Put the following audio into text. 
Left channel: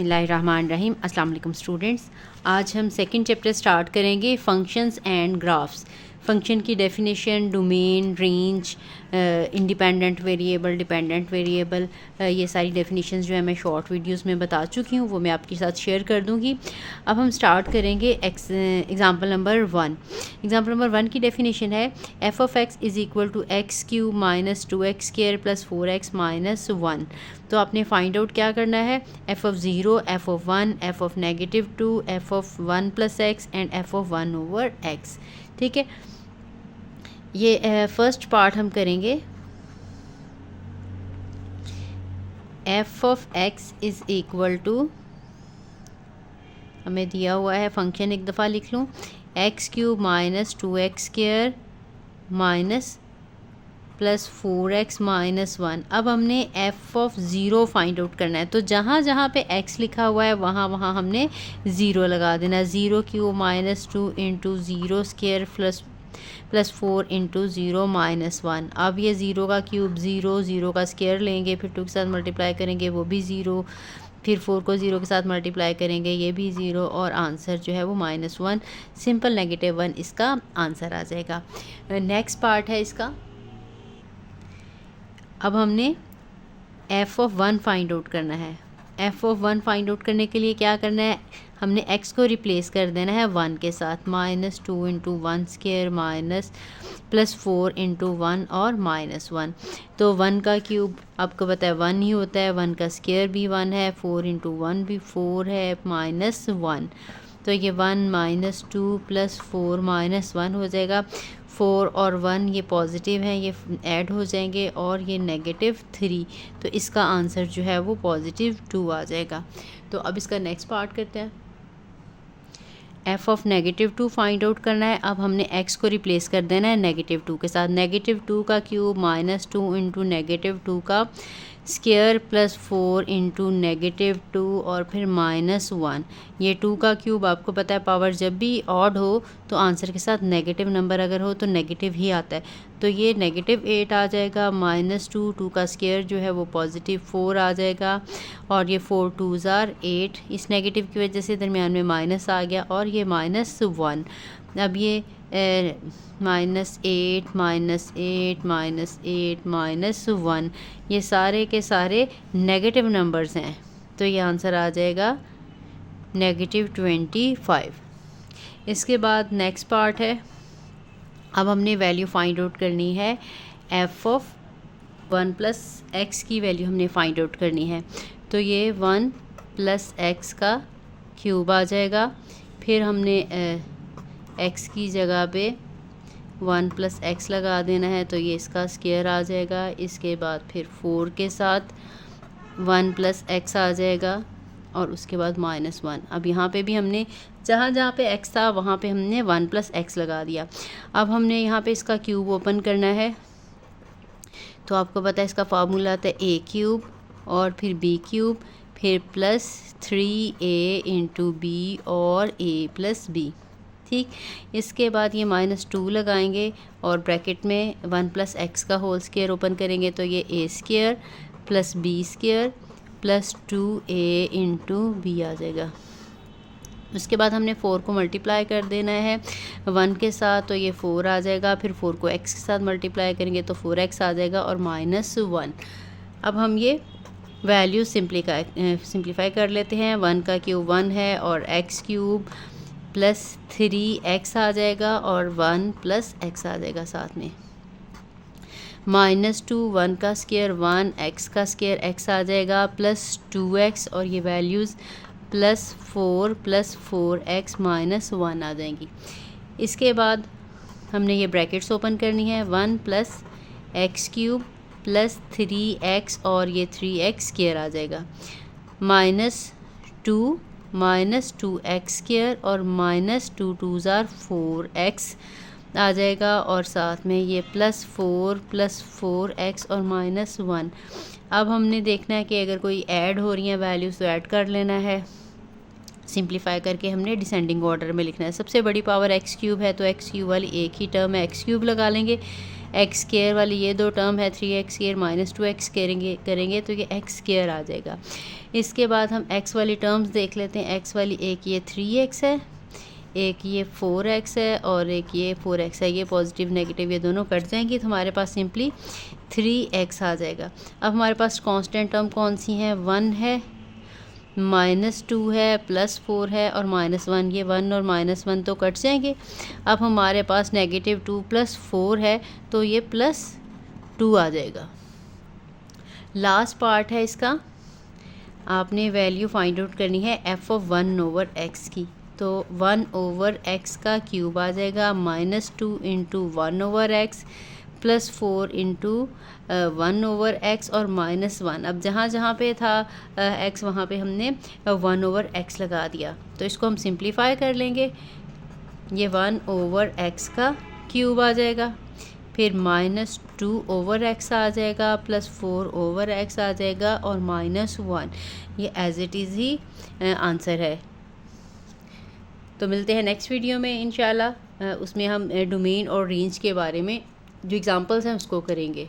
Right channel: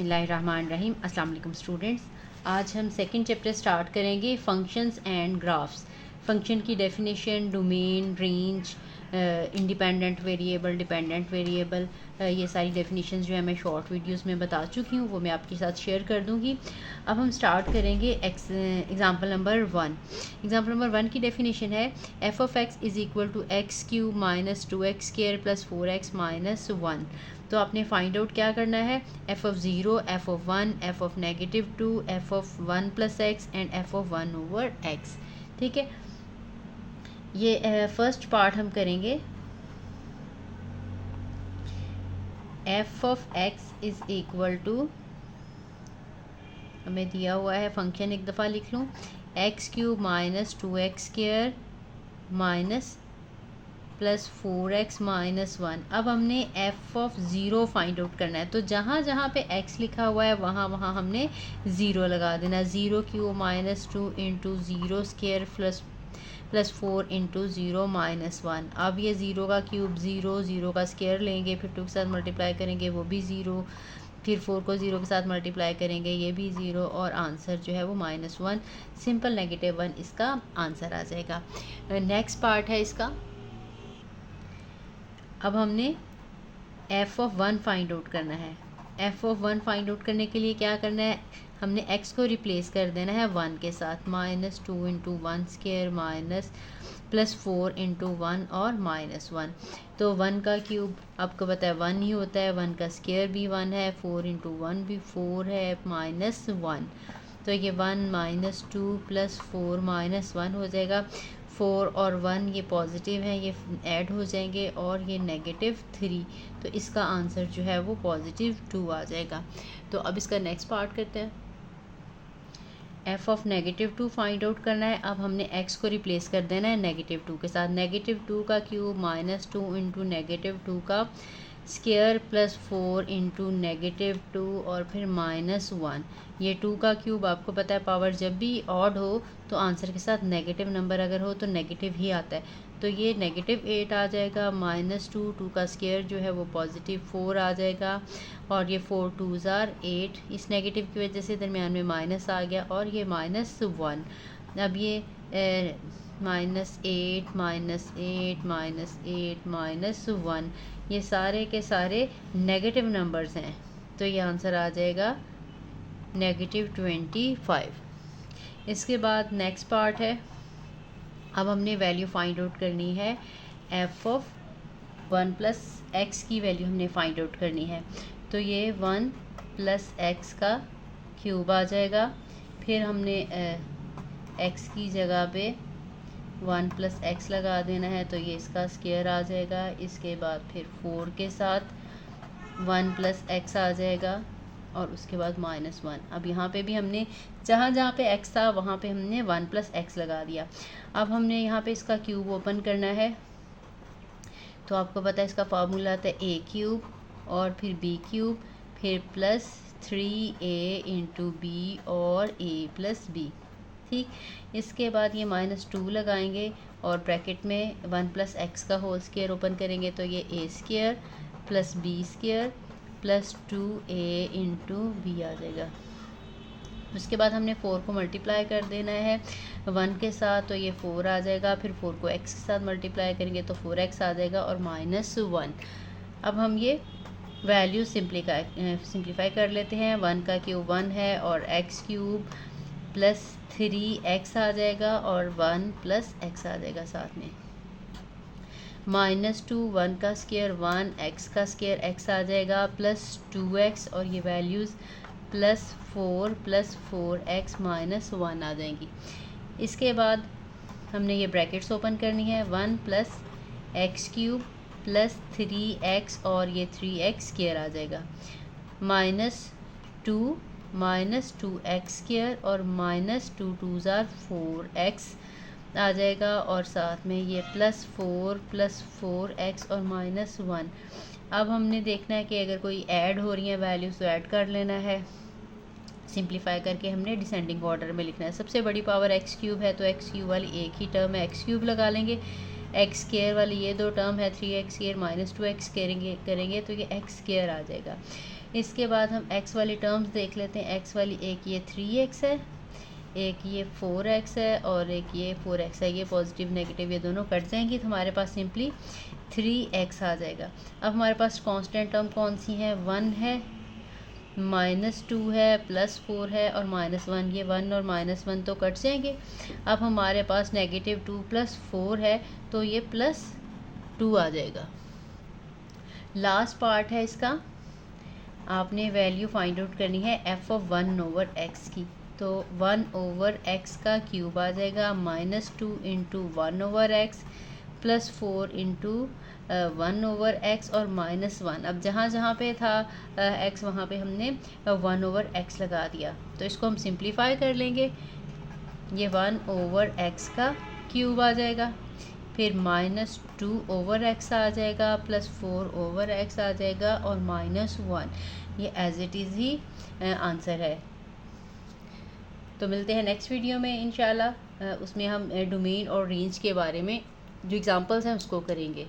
बिस्मिल्लाहिर्रहमानिर्रहीम। अस्सलाम वालेकुम स्टूडेंट्स, आज हम सेकंड चैप्टर स्टार्ट करेंगे फंक्शंस एंड ग्राफ्स। फंक्शन की definition, domain, range, independent variable, dependent variable, ये सारी डेफिनेशंस जो है मैं शॉर्ट वीडियोस में बता चुकी हूँ, वो मैं आपके साथ शेयर कर दूँगी। अब हम स्टार्ट करेंगे एग्ज़ाम्पल नंबर 1। एग्ज़ाम्पल नंबर 1 की डेफिनेशन है F of x is equal to x cube minus 2x square plus 4x minus 1। तो आपने फाइंड आउट क्या करना है, F of zero, F of 1, F of -2, F of 1 plus x and F of 1 over x. ठीक है, ये first part हम करेंगे। F of x is equal to, हमें दिया हुआ है फंक्शन, एक दफ़ा लिख लूँ, x cube minus 2x square minus plus 4x minus 1। अब हमने F of zero find out करना है, तो जहाँ जहाँ पे x लिखा हुआ है वहाँ वहाँ हमने ज़ीरो लगा देना। Zero cube minus 2 into zero square plus 4 into zero minus 1। अब ये ज़ीरो का क्यूब ज़ीरो, ज़ीरो का स्क्वायर लेंगे, फिर 2 के साथ मल्टीप्लाई करेंगे, वो भी ज़ीरो, फिर 4 को ज़ीरो के साथ मल्टीप्लाई करेंगे, ये भी ज़ीरो, और आंसर जो है वो -1, सिंपल -1 इसका आंसर आ जाएगा। नेक्स्ट पार्ट है इसका। अब हमने एफ़ ऑफ 1 फाइंड आउट करना है। एफ़ ऑफ 1 फाइंड आउट करने के लिए क्या करना है, हमने x को रिप्लेस कर देना है 1 के साथ। -2 into 1 square minus plus 4 into 1 और -1। तो 1 का क्यूब आपको पता है 1 ही होता है, 1 का स्क्वायर भी 1 है, 4 इंटू 1 भी 4 है, -1। तो ये 1 -2 प्लस 4 -1 हो जाएगा। 4 और 1 ये पॉजिटिव हैं, ये ऐड हो जाएंगे, और ये -3। तो इसका आंसर जो है वो +2 आ जाएगा। तो अब इसका नेक्स्ट पार्ट करते हैं। एफ़ ऑफ -2 फाइंड आउट करना है। अब हमने x को रिप्लेस कर देना है -2 के साथ। -2 का क्यूब -2 इंटू -2 का स्क्वायर प्लस 4 इंटू -2 और फिर -1। ये 2 का क्यूब आपको पता है पावर जब भी ऑड हो तो आंसर के साथ नेगेटिव नंबर अगर हो तो नेगेटिव ही आता है। तो ये -8 आ जाएगा, -2, 2 का स्क्वायर जो है वो +4 आ जाएगा, और ये 4 2s आर 8। इस नेगेटिव की वजह से दरमियान में माइनस आ गया, और ये -1। अब ये -8 -8 -1, ये सारे के सारे नेगेटिव नंबर्स हैं, तो ये आंसर आ जाएगा -25। इसके बाद नेक्स्ट पार्ट है। अब हमने वैल्यू फाइंड आउट करनी है, एफ़ ऑफ 1 प्लस एक्स की वैल्यू हमने फाइंड आउट करनी है। तो ये 1 प्लस एक्स का क्यूब आ जाएगा, फिर हमने एक्स की जगह पे 1 प्लस एक्स लगा देना है, तो ये इसका स्क्वायर आ जाएगा। इसके बाद फिर 4 के साथ 1 प्लस एक्स आ जाएगा, और उसके बाद -1। अब यहाँ पे भी हमने जहाँ जहाँ पे x था वहाँ पे हमने 1 प्लस एक्स लगा दिया। अब हमने यहाँ पे इसका क्यूब ओपन करना है, तो आपको पता है इसका फार्मूला आता है a क्यूब और फिर b क्यूब, फिर +3a इंटू बी और a प्लस बी। ठीक, इसके बाद ये -2 लगाएंगे और ब्रैकेट में 1 प्लस एक्स का होल स्क्वायर ओपन करेंगे, तो ये a square plus b square plus 2a into B आ जाएगा। उसके बाद हमने 4 को मल्टीप्लाई कर देना है 1 के साथ, तो ये 4 आ जाएगा, फिर 4 को x के साथ मल्टीप्लाई करेंगे तो 4x आ जाएगा, और -1। अब हम ये वैल्यू सिंप्लीफाई कर लेते हैं। 1 का क्यूब 1 है, और x क्यूब प्लस 3x आ जाएगा, और 1 प्लस x आ जाएगा साथ में। -2, 1 का स्क्वायर 1, x का स्क्वायर x आ जाएगा, प्लस 2x, और ये वैल्यूज़ +4 प्लस 4x -1 आ जाएंगी। इसके बाद हमने ये ब्रैकेट्स ओपन करनी है, 1 plus x cube plus 3x, और ये 3x स्क्वायर आ जाएगा, -2 -2x स्क्वायर, और -2 2s आर 4x आ जाएगा, और साथ में ये +4 प्लस 4x और -1। अब हमने देखना है कि अगर कोई ऐड हो रही हैं वैल्यूज़ तो ऐड कर लेना है। सिंप्लीफाई करके हमने डिसेंडिंग ऑर्डर में लिखना है। सबसे बड़ी पावर x क्यूब है, तो x क्यूब वाली एक ही टर्म है, x क्यूब लगा लेंगे। एक्स स्क्वायर वाली ये दो टर्म है 3x स्क्वायर माइनस 2x करेंगे तो ये x स्क्वायर आ जाएगा। इसके बाद हम x वाली टर्म्स देख लेते हैं। x वाली एक ये 3x है, एक ये 4x है और एक ये 4x है। ये पॉजिटिव नेगेटिव ये दोनों कट जाएंगी तो हमारे पास सिंपली 3x आ जाएगा। अब हमारे पास कांस्टेंट टर्म कौन सी हैं, 1 है, -2 है, +4 है और -1। ये 1 और -1 तो कट जाएंगे। अब हमारे पास -2 + 4 है तो ये +2 आ जाएगा। लास्ट पार्ट है इसका, आपने वैल्यू फाइंड आउट करनी है f(1/x) की। तो 1/x का क्यूब आ जाएगा, -2 × 1/x +4 × 1/x और -1। अब जहाँ जहाँ पे था x वहाँ पे हमने 1/x लगा दिया। तो इसको हम सिंप्लीफाई कर लेंगे। ये 1/x का क्यूब आ जाएगा, फिर -2/x आ जाएगा, +4/x आ जाएगा और -1। ये एज इट इज़ ही आंसर है। तो मिलते हैं नेक्स्ट वीडियो में इंशाल्लाह। उसमें हम डोमेन और रेंज के बारे में जो एग्ज़ाम्पल्स हैं उसको करेंगे।